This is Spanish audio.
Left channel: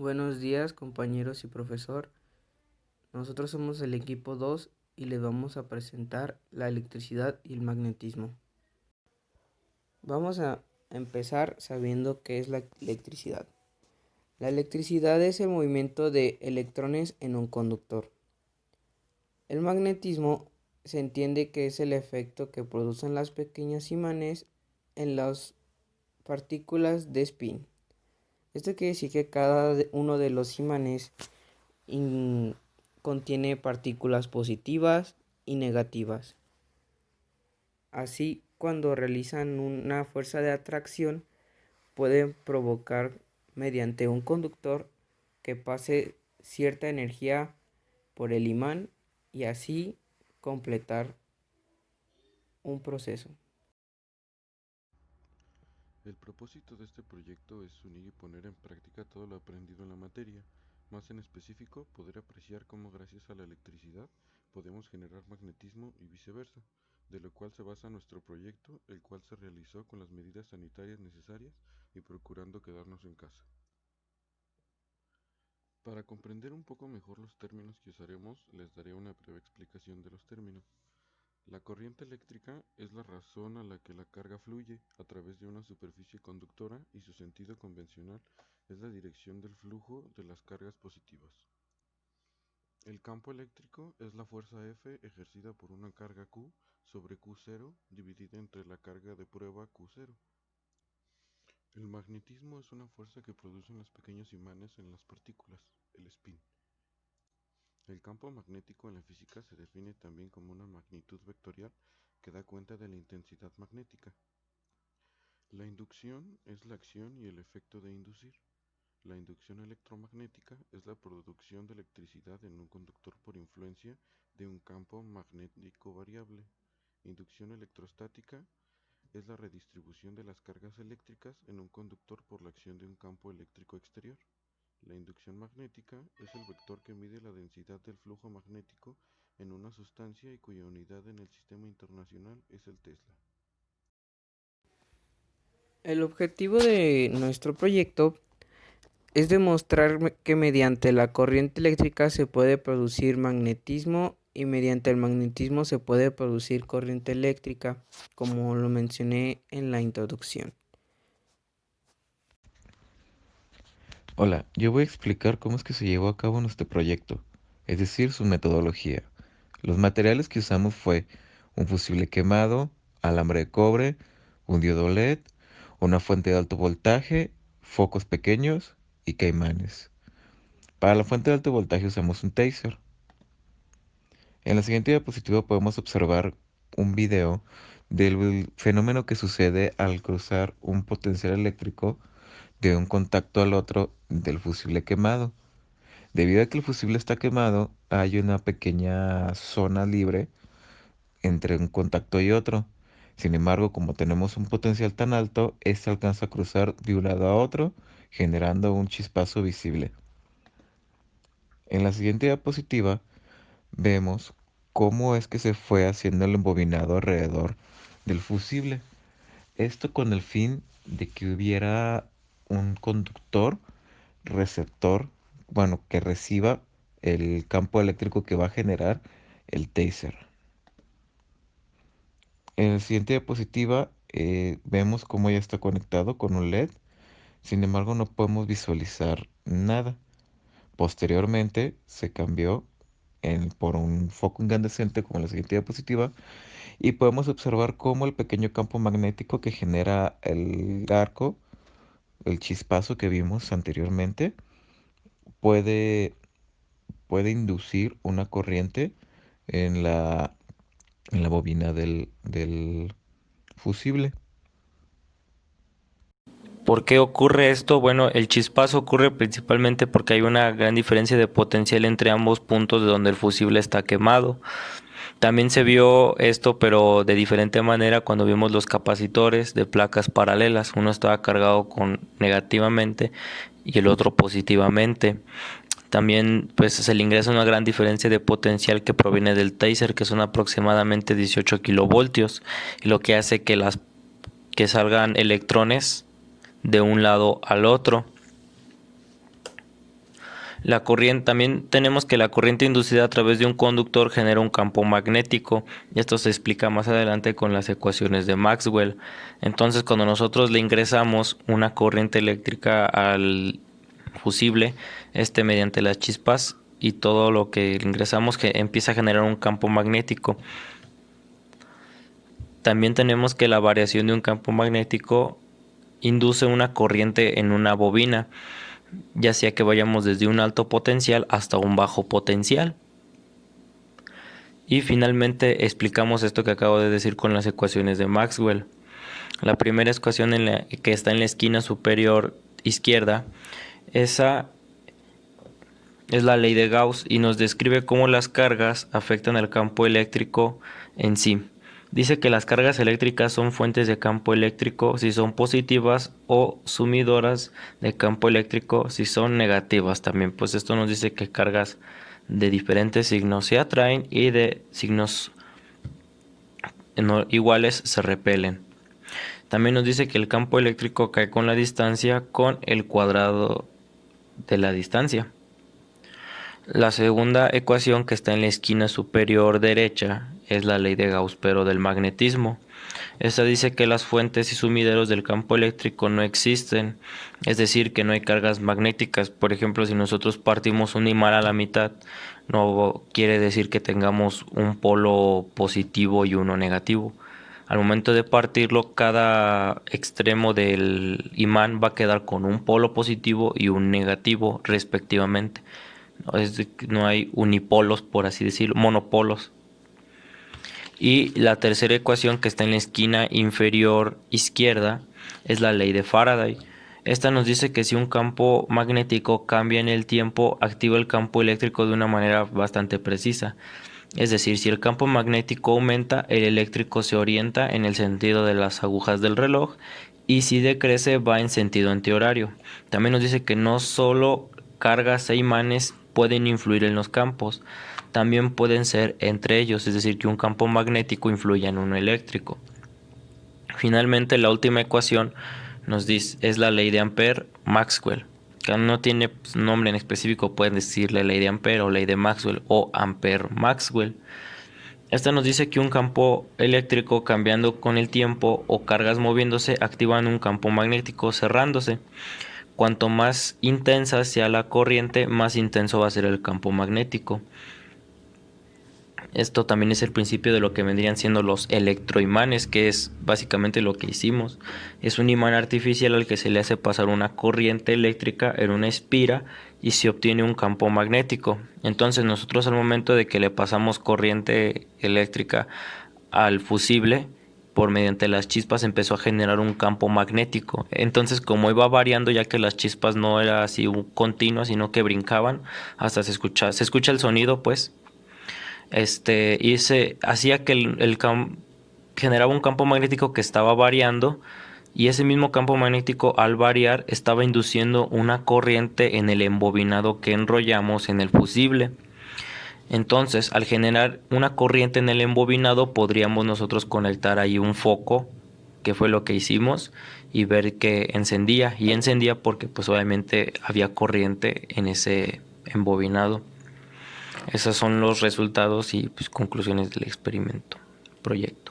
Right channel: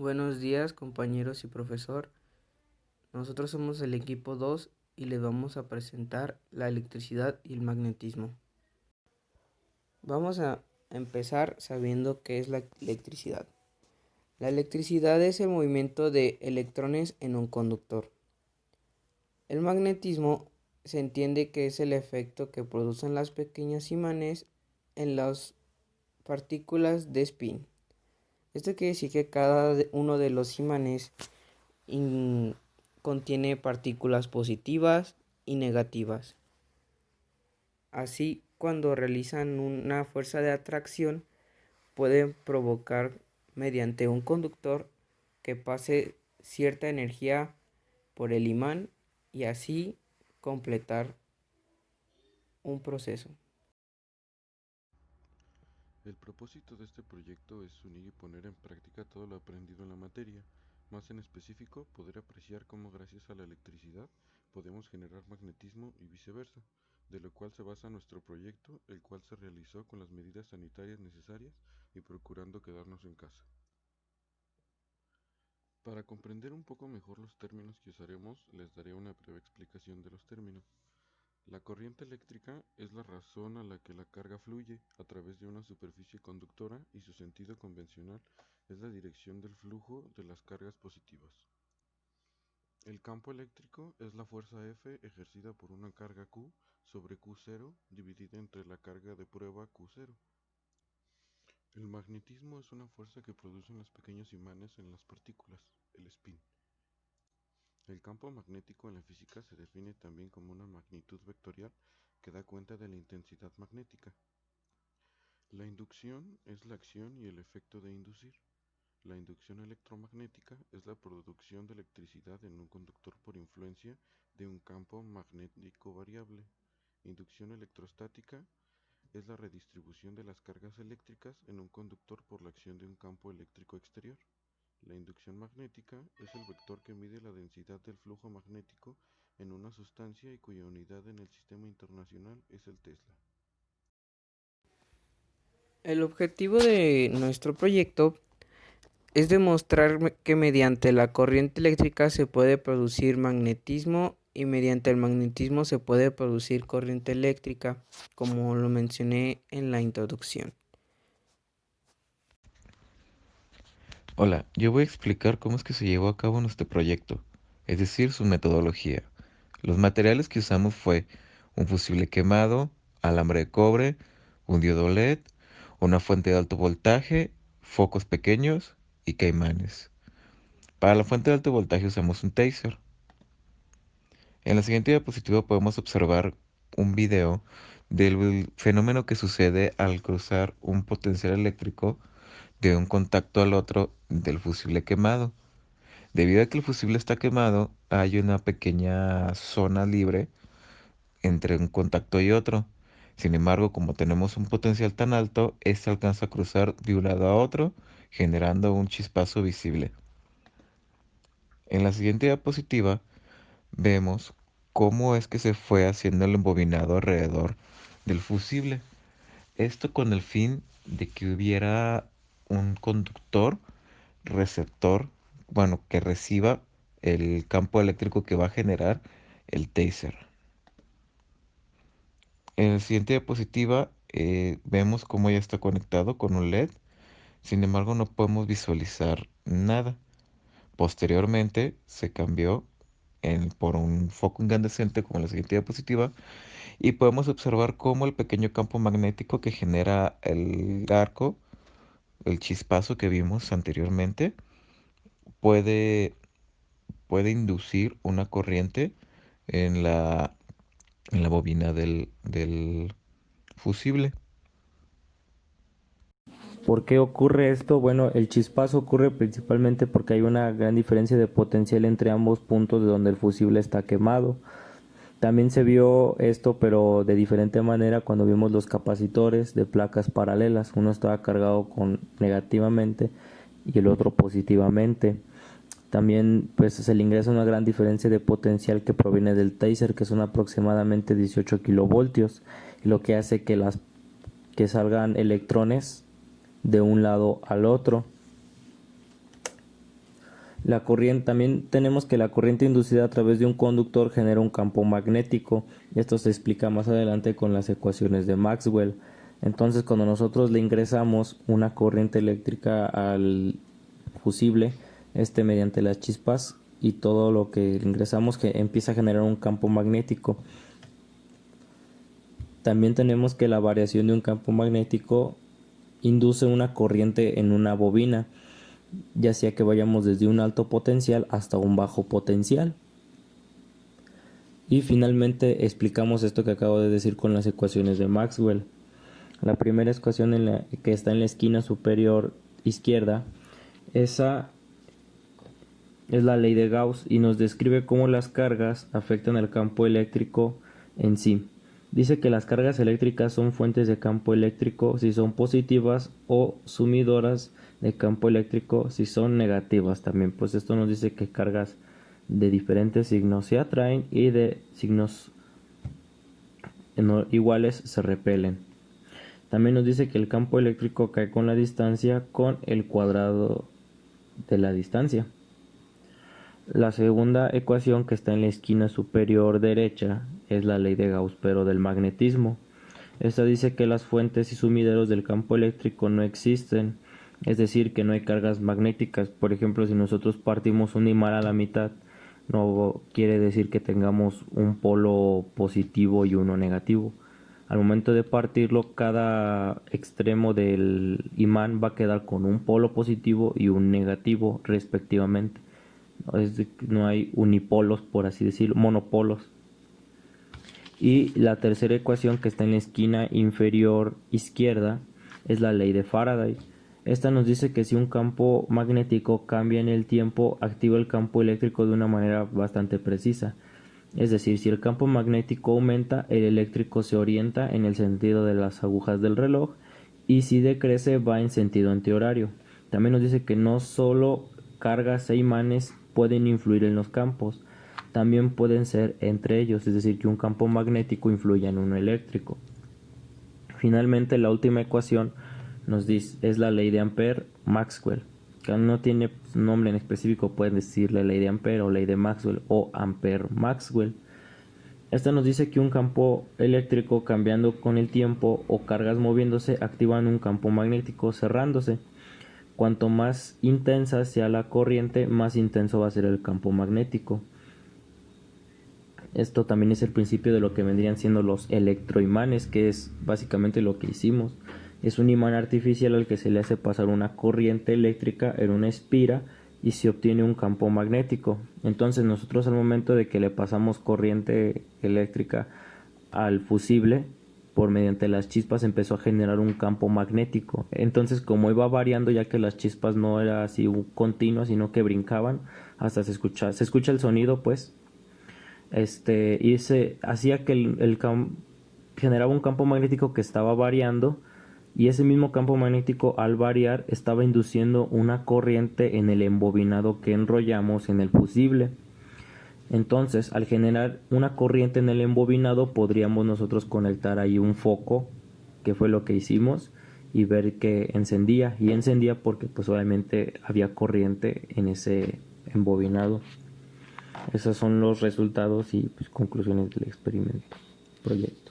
Buenos días, compañeros y profesor. Nosotros somos el equipo 2 y les vamos a presentar la electricidad y el magnetismo. Vamos a empezar sabiendo qué es la electricidad. La electricidad es el movimiento de electrones en un conductor. El magnetismo se entiende que es el efecto que producen las pequeños imanes en las partículas de spin. Esto quiere decir que cada uno de los imanes contiene partículas positivas y negativas. Así, cuando realizan una fuerza de atracción, pueden provocar mediante un conductor que pase cierta energía por el imán y así completar un proceso. El propósito de este proyecto es unir y poner en práctica todo lo aprendido en la materia, más en específico poder apreciar cómo gracias a la electricidad podemos generar magnetismo y viceversa, de lo cual se basa nuestro proyecto, el cual se realizó con las medidas sanitarias necesarias y procurando quedarnos en casa. Para comprender un poco mejor los términos que usaremos, les daré una breve explicación de los términos. La corriente eléctrica es la razón a la que la carga fluye a través de una superficie conductora y su sentido convencional es la dirección del flujo de las cargas positivas. El campo eléctrico es la fuerza F ejercida por una carga Q sobre Q0 dividida entre la carga de prueba Q0. El magnetismo es una fuerza que producen los pequeños imanes en las partículas, el spin. El campo magnético en la física se define también como una magnitud vectorial que da cuenta de la intensidad magnética. La inducción es la acción y el efecto de inducir. La inducción electromagnética es la producción de electricidad en un conductor por influencia de un campo magnético variable. Inducción electrostática es la redistribución de las cargas eléctricas en un conductor por la acción de un campo eléctrico exterior. La inducción magnética es el vector que mide la densidad del flujo magnético en una sustancia y cuya unidad en el sistema internacional es el Tesla. El objetivo de nuestro proyecto es demostrar que mediante la corriente eléctrica se puede producir magnetismo y mediante el magnetismo se puede producir corriente eléctrica, como lo mencioné en la introducción. Hola, yo voy a explicar cómo es que se llevó a cabo nuestro proyecto, es decir, su metodología. Los materiales que usamos fue un fusible quemado, alambre de cobre, un diodo LED, una fuente de alto voltaje, focos pequeños y caimanes. Para la fuente de alto voltaje usamos un taser. En la siguiente diapositiva podemos observar un video del fenómeno que sucede al cruzar un potencial eléctrico de un contacto al otro del fusible quemado. Debido a que el fusible está quemado, hay una pequeña zona libre entre un contacto y otro. Sin embargo, como tenemos un potencial tan alto, este alcanza a cruzar de un lado a otro, generando un chispazo visible. En la siguiente diapositiva vemos cómo es que se fue haciendo el embobinado alrededor del fusible. Esto con el fin de que hubiera un conductor receptor, bueno, que reciba el campo eléctrico que va a generar el taser. En la siguiente diapositiva vemos cómo ya está conectado con un LED, sin embargo no podemos visualizar nada. Posteriormente se cambió por un foco incandescente como en la siguiente diapositiva y podemos observar cómo el pequeño campo magnético que genera el arco, el chispazo que vimos anteriormente, puede puede inducir una corriente en la bobina del fusible. ¿Por qué ocurre esto? Bueno, el chispazo ocurre principalmente porque hay una gran diferencia de potencial entre ambos puntos de donde el fusible está quemado. También se vio esto, pero de diferente manera cuando vimos los capacitores de placas paralelas. Uno estaba cargado con negativamente y el otro positivamente. También pues se le ingresa una gran diferencia de potencial que proviene del taser, que son aproximadamente 18 kilovoltios, y lo que hace que salgan electrones de un lado al otro. La corriente, también tenemos que la corriente inducida a través de un conductor genera un campo magnético, y esto se explica más adelante con las ecuaciones de Maxwell. Entonces, cuando nosotros le ingresamos una corriente eléctrica al fusible, mediante las chispas y todo lo que le ingresamos, que empieza a generar un campo magnético. También tenemos que la variación de un campo magnético induce una corriente en una bobina, ya sea que vayamos desde un alto potencial hasta un bajo potencial. Y finalmente explicamos esto que acabo de decir con las ecuaciones de Maxwell. La primera ecuación que está en la esquina superior izquierda, esa es la ley de Gauss y nos describe cómo las cargas afectan al campo eléctrico en sí. Dice que las cargas eléctricas son fuentes de campo eléctrico si son positivas o sumidoras de campo eléctrico si son negativas también. Pues esto nos dice que cargas de diferentes signos se atraen y de signos iguales se repelen. También nos dice que el campo eléctrico cae con la distancia con el cuadrado de la distancia. La segunda ecuación que está en la esquina superior derecha es la ley de Gauss, pero del magnetismo. Esta dice que las fuentes y sumideros del campo eléctrico no existen, es decir, que no hay cargas magnéticas. Por ejemplo, si nosotros partimos un imán a la mitad, no quiere decir que tengamos un polo positivo y uno negativo. Al momento de partirlo, cada extremo del imán va a quedar con un polo positivo y un negativo respectivamente. No hay unipolos, por así decirlo, monopolos. Y la tercera ecuación que está en la esquina inferior izquierda es la ley de Faraday. Esta nos dice que si un campo magnético cambia en el tiempo, activa el campo eléctrico de una manera bastante precisa. Es decir, si el campo magnético aumenta, el eléctrico se orienta en el sentido de las agujas del reloj, y si decrece va en sentido antihorario. También nos dice que no solo cargas e imanes pueden influir en los campos, también pueden ser entre ellos, es decir, que un campo magnético influya en uno eléctrico. Finalmente, la última ecuación nos dice es la ley de Ampère-Maxwell, que no tiene nombre en específico, pueden decirle ley de Ampère o ley de Maxwell o Ampère-Maxwell. Esta nos dice que un campo eléctrico cambiando con el tiempo o cargas moviéndose activan un campo magnético cerrándose. Cuanto más intensa sea la corriente, más intenso va a ser el campo magnético. Esto también es el principio de lo que vendrían siendo los electroimanes, que es básicamente lo que hicimos. Es un imán artificial al que se le hace pasar una corriente eléctrica en una espira y se obtiene un campo magnético. Entonces nosotros al momento de que le pasamos corriente eléctrica al fusible, mediante las chispas empezó a generar un campo magnético. Entonces, como iba variando, ya que las chispas no era así continuas, sino que brincaban, hasta se escucha el sonido, pues, y se hacía que generaba un campo magnético que estaba variando, y ese mismo campo magnético al variar estaba induciendo una corriente en el embobinado que enrollamos en el fusible. Entonces, al generar una corriente en el embobinado, podríamos nosotros conectar ahí un foco, que fue lo que hicimos, y ver que encendía. Y encendía porque pues obviamente había corriente en ese embobinado. Esos son los resultados y pues conclusiones del proyecto.